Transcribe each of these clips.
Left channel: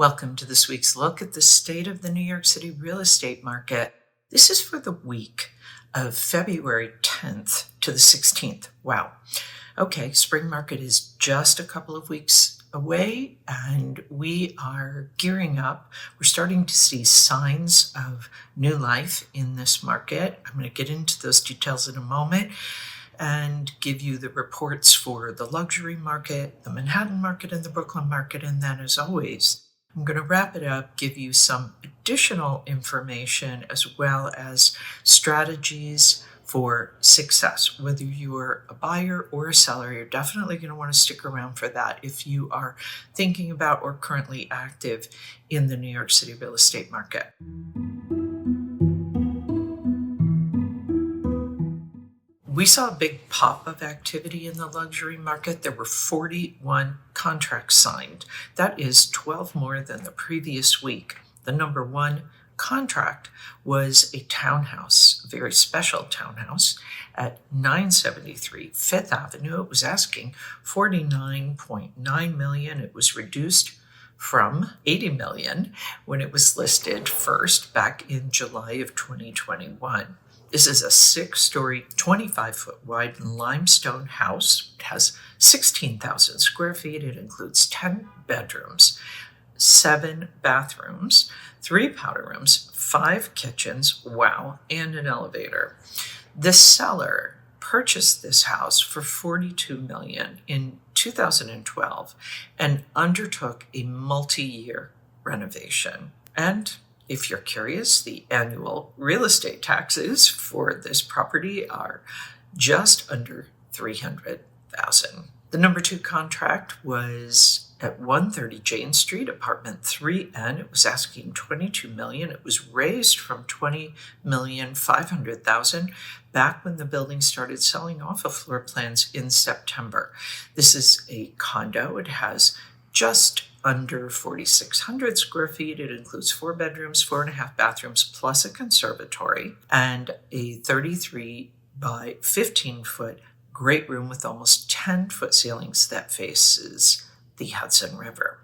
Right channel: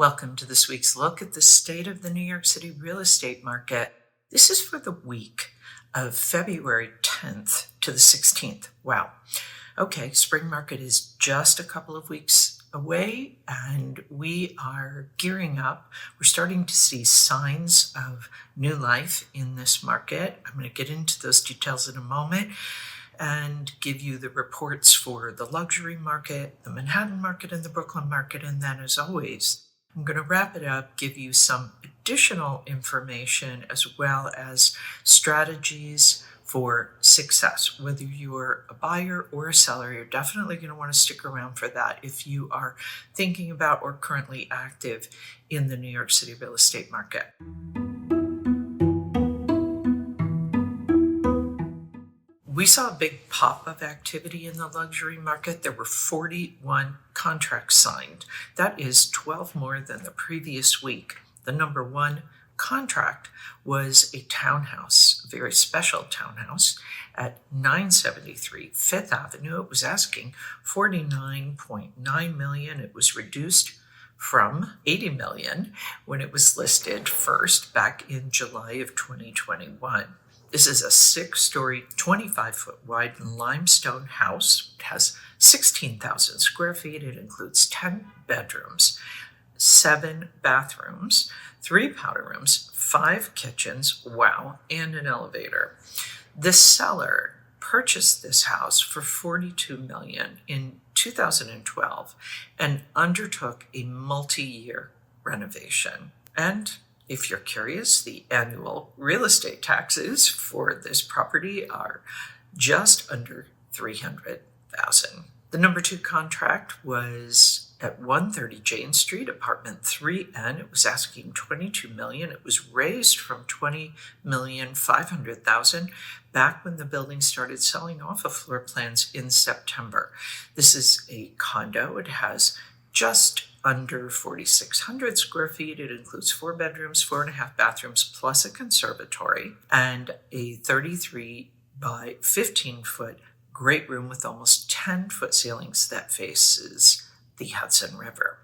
Welcome to this week's look at the state of the New York City real estate market. This is for the week of February 10th to the 16th. Wow. Okay, spring market is just a couple of weeks away and we are gearing up. We're starting to see signs of new life in this market. I'm going to get into those details in a moment and give you the reports for the luxury market, the Manhattan market, and the Brooklyn market. And then, as always, I'm going to wrap it up, give you some additional information as well as strategies for success. Whether you're a buyer or a seller, you're definitely going to want to stick around for that if you are thinking about or currently active in the New York City real estate market. We saw a big pop of activity in the luxury market. There were 41 contracts signed. That is 12 more than the previous week. The number one contract was a townhouse, a very special townhouse at 973 Fifth Avenue. It was asking $49.9 million. It was reduced from $80 million when it was listed first back in July of 2021. This is a 6-story, 25-foot wide limestone house. It has 16,000 square feet. It includes 10 bedrooms, 7 bathrooms, 3 powder rooms, 5 kitchens, wow, and an elevator. The seller purchased this house for $42 million in 2012 and undertook a multi-year renovation. And if you're curious, the annual real estate taxes for this property are just under $300,000. The number 2 contract was at 130 Jane Street, apartment 3N. It was asking $22 million. It was raised from $20,500,000 back when the building started selling off of floor plans in September. This is a condo. It has just under 4,600 square feet. It includes 4 bedrooms, 4.5 bathrooms, plus a conservatory, and a 33 by 15 foot great room with almost 10-foot ceilings that faces the Hudson River.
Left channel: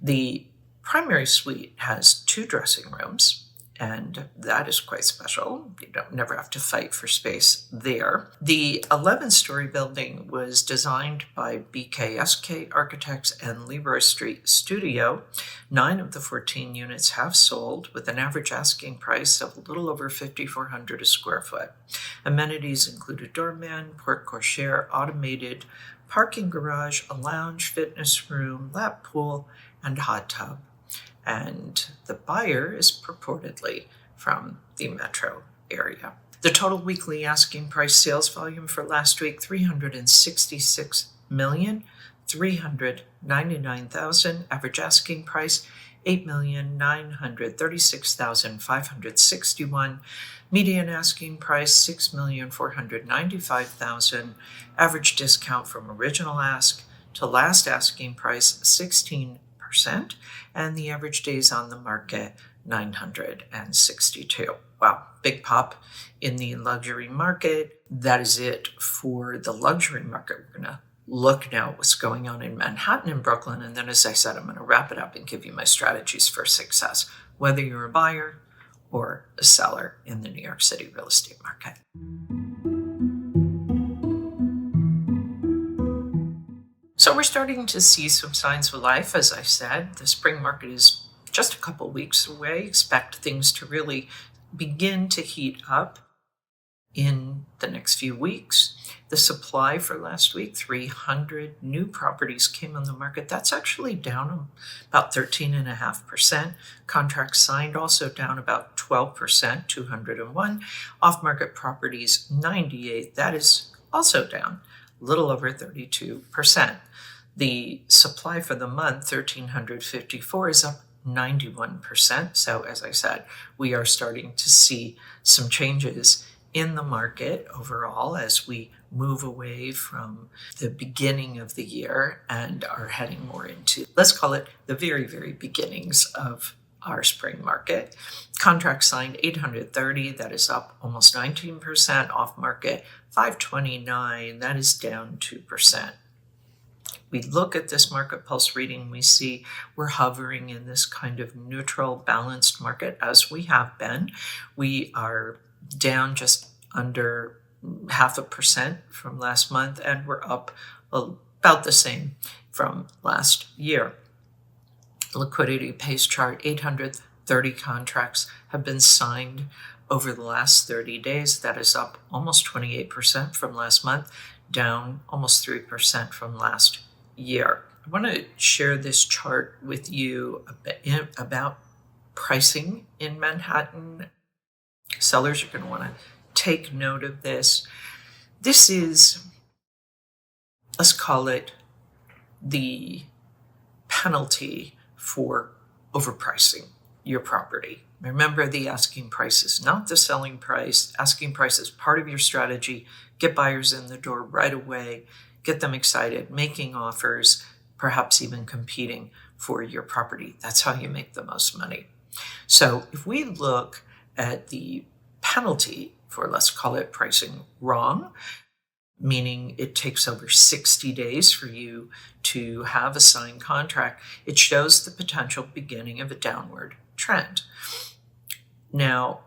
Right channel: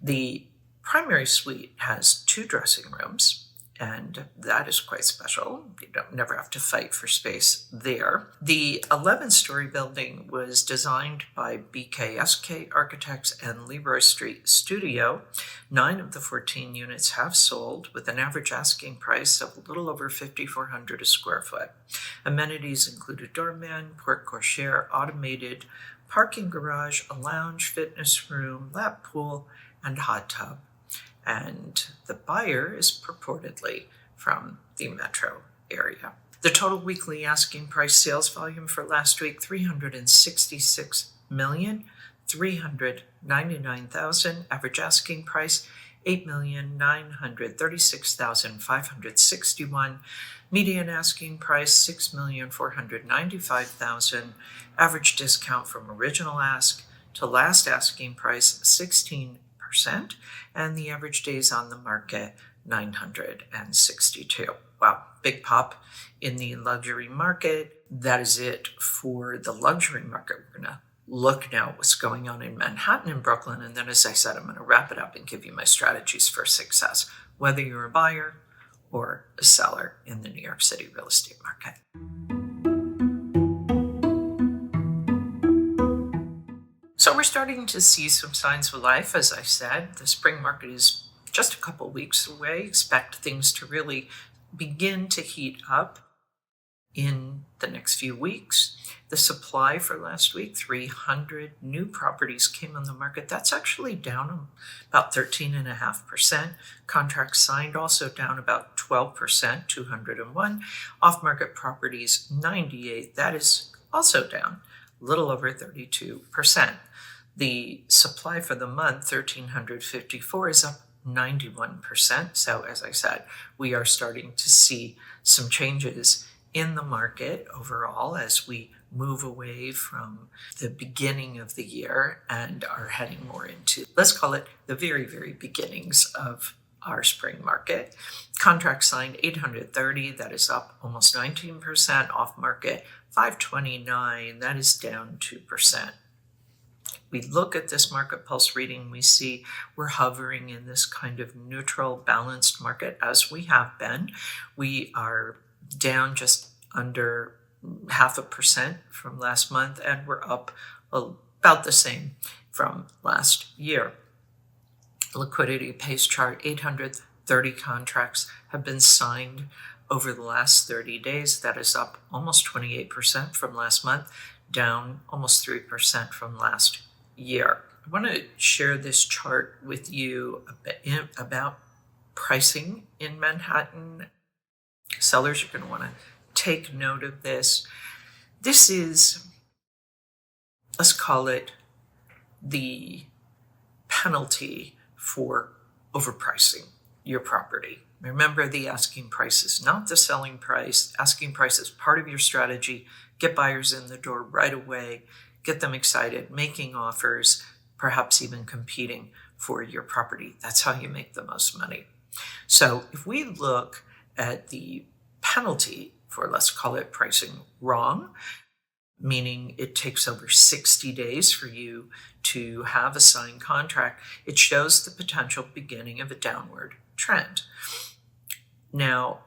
The primary suite has 2 dressing rooms, and that is quite special. You don't never have to fight for space there. The 11-story building was designed by BKSK Architects and Leroy Street Studio. 9 of the 14 units have sold with an average asking price of a little over $5,400 a square foot. Amenities include a doorman, porte cochere, automated parking garage, a lounge, fitness room, lap pool, and hot tub. And the buyer is purportedly from the metro area. The total weekly asking price sales volume for last week, $366,399,000. Average asking price, $8,936,561. Median asking price, $6,495,000. Average discount from original ask to last asking price, 16%. And the average days on the market, 962. Wow, big pop in the luxury market. That is it for the luxury market. We're going to look now at what's going on in Manhattan and Brooklyn. And then, as I said, I'm going to wrap it up and give you my strategies for success, whether you're a buyer or a seller in the New York City real estate market. So we're starting to see some signs of life. As I said, the spring market is just a couple weeks away. Expect things to really begin to heat up in the next few weeks. The supply for last week, 300 new properties came on the market. That's actually down about 13.5%. Contracts signed also down about 12%, 201. Off-market properties, 98. That is also down a little over 32%. The supply for the month, 1,354, is up 91%. So as I said, we are starting to see some changes in the market overall as we move away from the beginning of the year and are heading more into, let's call it, the very, very beginnings of our spring market. Contract signed 830, that is up almost 19%. Off market 529, that is down 2%. we look at this market pulse reading, we see we're hovering in this kind of neutral, balanced market as we have been. We are down just under 0.5% from last month, and we're up about the same from last year. Liquidity Pace chart, 830 contracts have been signed over the last 30 days. That is up almost 28% from last month, down almost 3% from last year. I want to share this chart with you about pricing in Manhattan. Sellers are going to want to take note of this. This is, let's call it, the penalty for overpricing your property. Remember, the asking price is not the selling price. Asking price is part of your strategy. Get buyers in the door right away. Get them excited, making offers, perhaps even competing for your property. That's how you make the most money. So if we look at the penalty for, let's call it, pricing wrong, meaning it takes over 60 days for you to have a signed contract, it shows the potential beginning of a downward trend. Now,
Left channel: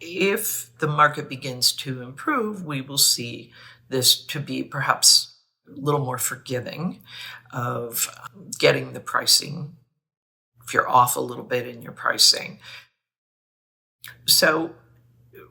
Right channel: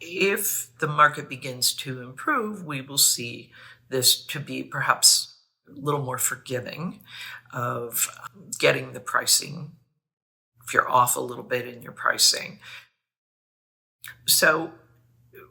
if the market begins to improve, we will see this to be perhaps a little more forgiving of getting the pricing if you're off a little bit in your pricing. So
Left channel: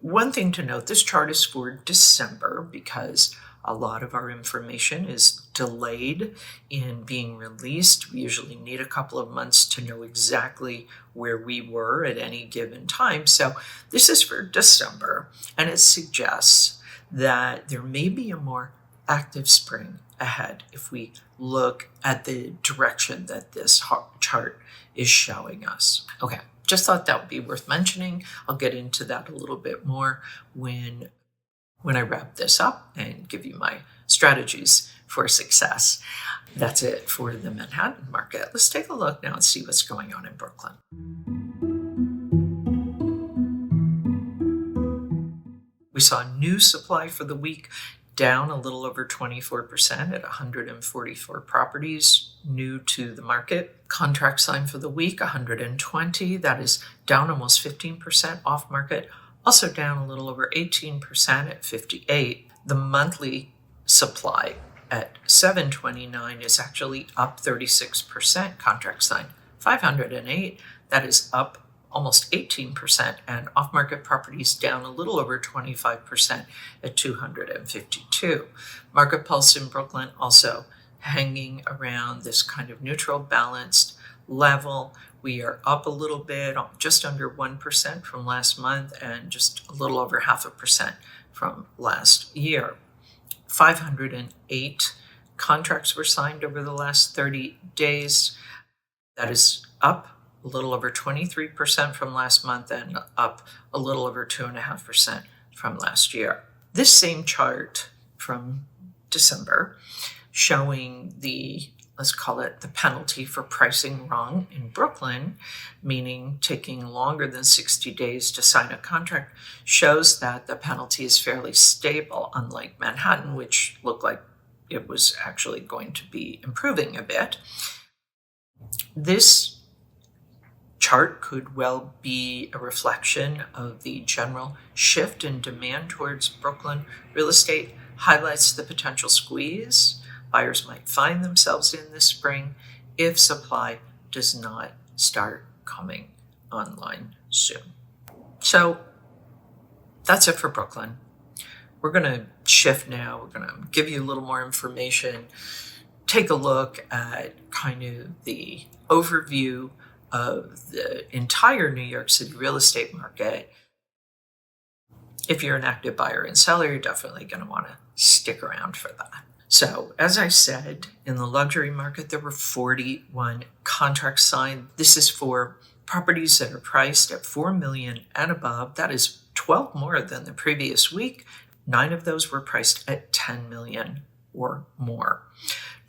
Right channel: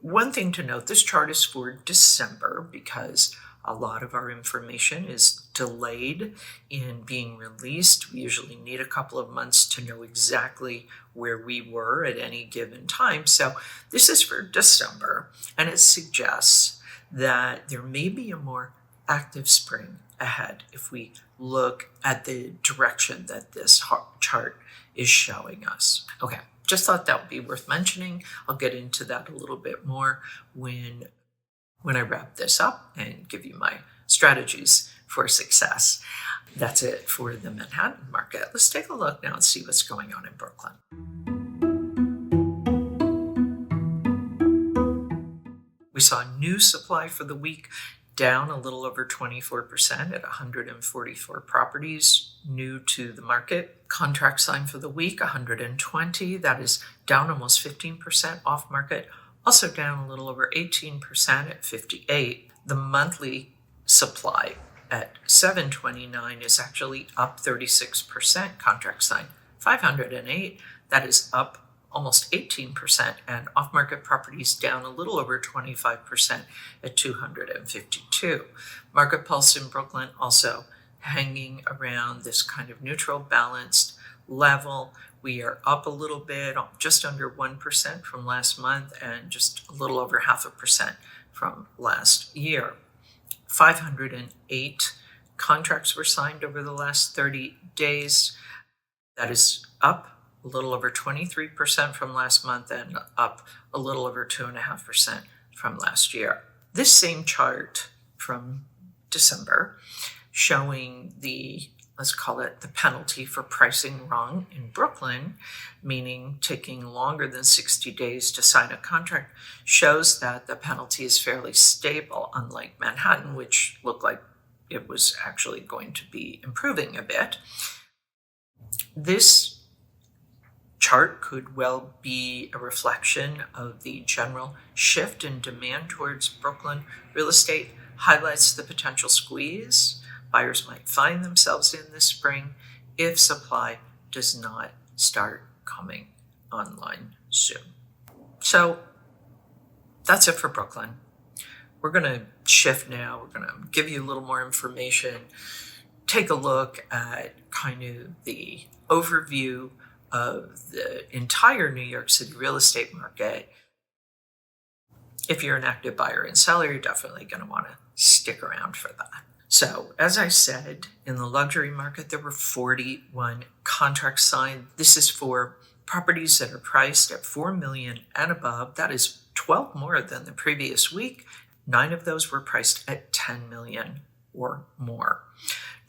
one thing to note, this chart is for December because a lot of our information is delayed in being released. We usually need a couple of months to know exactly where we were at any given time. So this is for December, and it suggests that there may be a more active spring ahead if we look at the direction that this chart is showing us. Okay, just thought that would be worth mentioning. I'll get into that a little bit more when I wrap this up and give you my strategies for success. That's it for the Manhattan market. Let's take a look now and see what's going on in Brooklyn. We saw new supply for the week down a little over 24% at 144 properties new to the market. Contract signed for the week, 120. That is down almost 15% off market. Also down a little over 18% at 58. The monthly supply at 729 is actually up 36%. Contract signed 508. That is up almost 18%, and off-market properties down a little over 25% at 252. Market pulse in Brooklyn also hanging around this kind of neutral, balanced level. We are up a little bit, just under 1% from last month and just a little over 0.5% from last year. 508 contracts were signed over the last 30 days. That is up a little over 23% from last month and up a little over 2.5% from last year. This same chart from December showing the, let's call it, the penalty for pricing wrong in Brooklyn, meaning taking longer than 60 days to sign a contract, shows that the penalty is fairly stable, unlike Manhattan, which looked like it was actually going to be improving a bit. This chart could well be a reflection of the general shift in demand towards Brooklyn real estate, highlights the potential squeeze buyers might find themselves in this spring if supply does not start coming online soon. So that's it for Brooklyn. We're going to shift now. We're going to give you a little more information, take a look at kind of the overview of the entire New York City real estate market. If you're an active buyer and seller, you're definitely going to want to stick around for that. So, as I said, in the luxury market, there were 41 contracts signed. This is for properties that are priced at $4 million and above. That is 12 more than the previous week. 9 of those were priced at $10 million or more.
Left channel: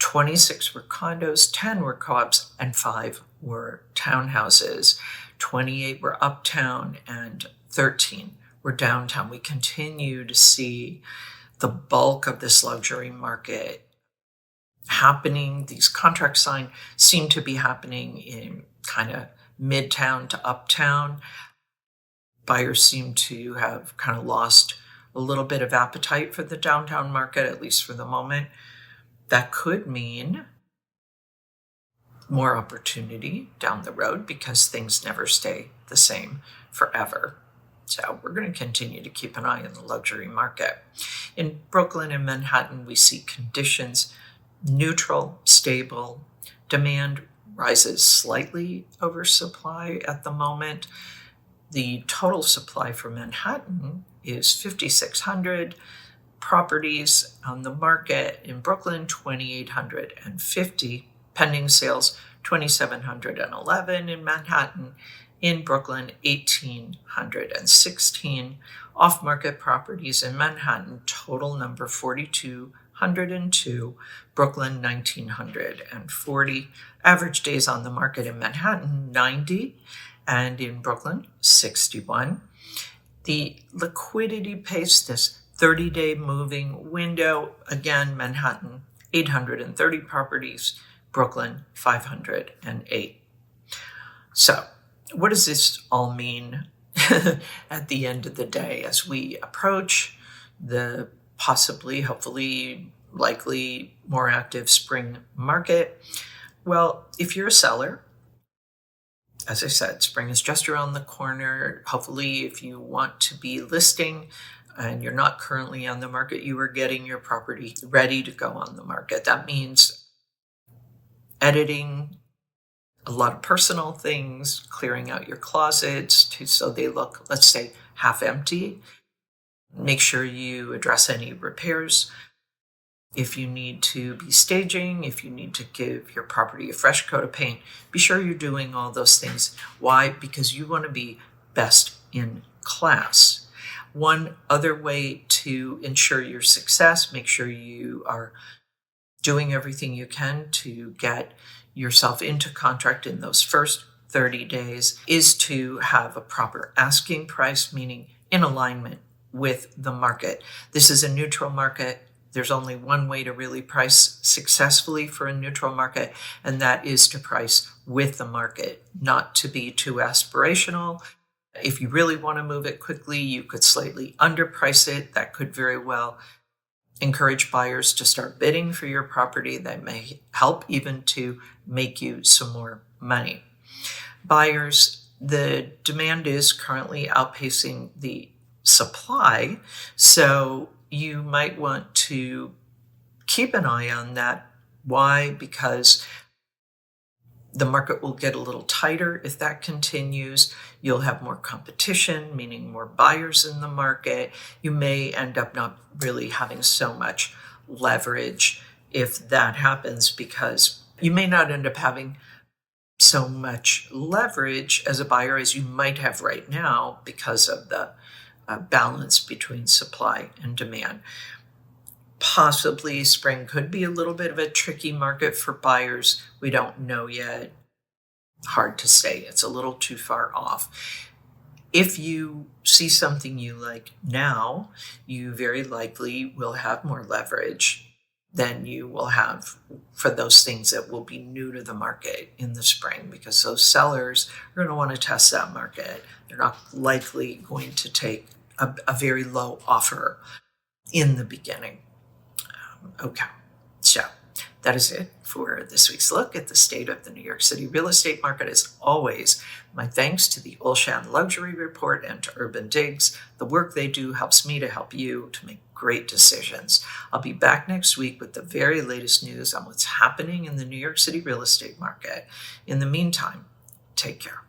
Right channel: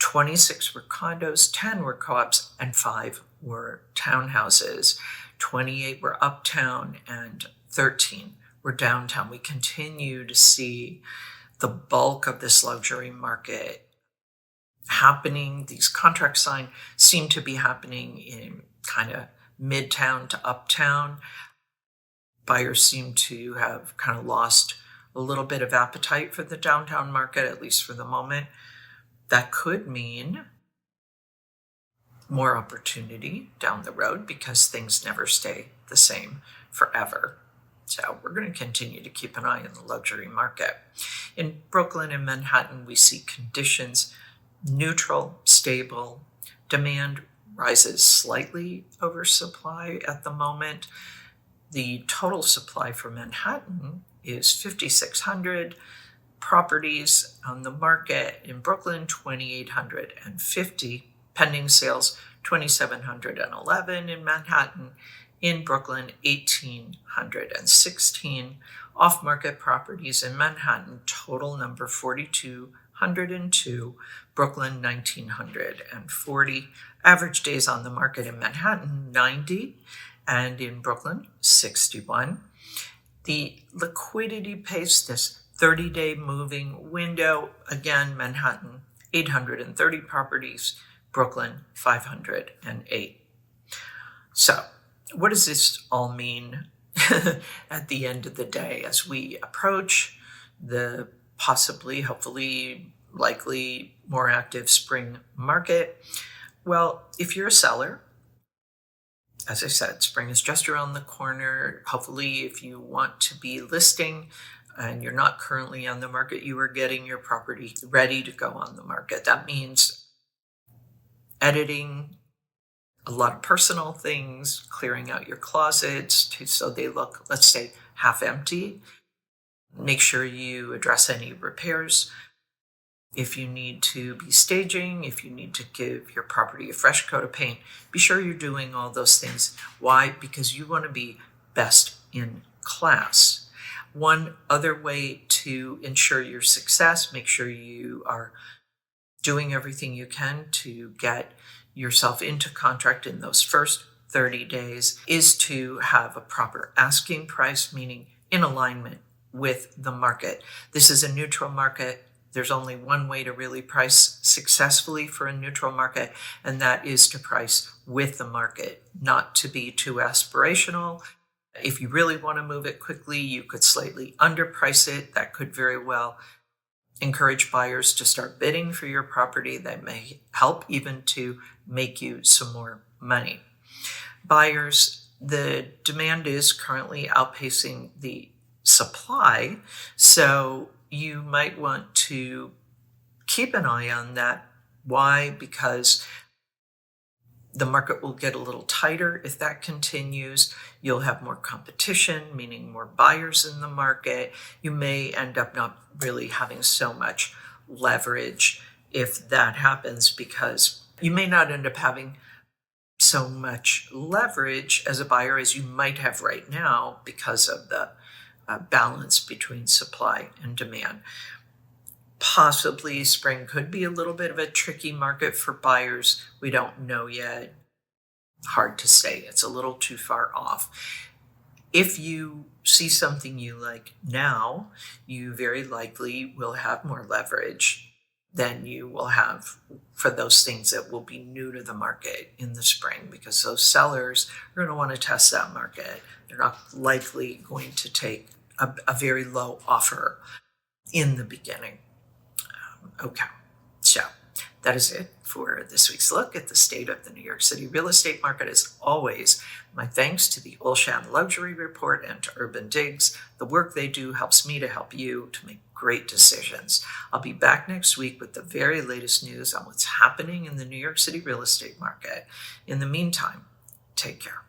26 were condos, 10 were co-ops, and 5 were townhouses. 28 were uptown, and 13 were downtown. We continue to see the bulk of this luxury market happening. These contracts signed seem to be happening in kind of midtown to uptown. Buyers seem to have kind of lost a little bit of appetite for the downtown market, at least for the moment. That could mean more opportunity down the road because things never stay the same forever. So we're going to continue to keep an eye on the luxury market. In Brooklyn and Manhattan, we see conditions neutral, stable. Demand rises slightly over supply at the moment. The total supply for Manhattan is 5,600 properties on the market. In Brooklyn, 2,850. Pending sales, 2,711 in Manhattan. In Brooklyn, 1,816. Off-market properties in Manhattan, total number 4,202. Brooklyn, 1,940. Average days on the market in Manhattan, 90. And in Brooklyn, 61. The liquidity pace, this 30-day moving window, again, Manhattan, 830 properties. Brooklyn, 508. So what does this all mean at the end of the day as we approach the possibly, hopefully, likely more active spring market? Well, if you're a seller, as I said, spring is just around the corner. Hopefully, if you want to be listing and you're not currently on the market, you are getting your property ready to go on the market. That means editing a lot of personal things, clearing out your closets so they look, let's say, half empty. Make sure you address any repairs. If you need to be staging, if you need to give your property a fresh coat of paint, be sure you're doing all those things. Why? Because you want to be best in class. One other way to ensure your success, make sure you are doing everything you can to get yourself into contract in those first 30 days, is to have a proper asking price, meaning in alignment with the market. This is a neutral market. There's only one way to really price successfully for a neutral market, and that is to price with the market, not to be too aspirational. If you really want to move it quickly, you could slightly underprice it. That could very well encourage buyers to start bidding for your property. That may help even to make you some more money. Buyers, the demand is currently outpacing the supply, so you might want to keep an eye on that. Why? Because the market will get a little tighter if that continues. You'll have more competition, meaning more buyers in the market. You may end up not really having so much leverage if that happens, because you may not end up having so much leverage as a buyer as you might have right now because of the balance between supply and demand. Possibly spring could be a little bit of a tricky market for buyers. We don't know yet. Hard to say. It's a little too far off. If you see something you like now, you very likely will have more leverage than you will have for those things that will be new to the market in the spring, because those sellers are going to want to test that market. They're not likely going to take a very low offer in the beginning. Okay, so that is it for this week's look at the state of the New York City real estate market. As always, my thanks to the Olshan Luxury Report and to Urban Digs. The work they do helps me to help you to make great decisions. I'll be back next week with the very latest news on what's happening in the New York City real estate market. In the meantime, take care.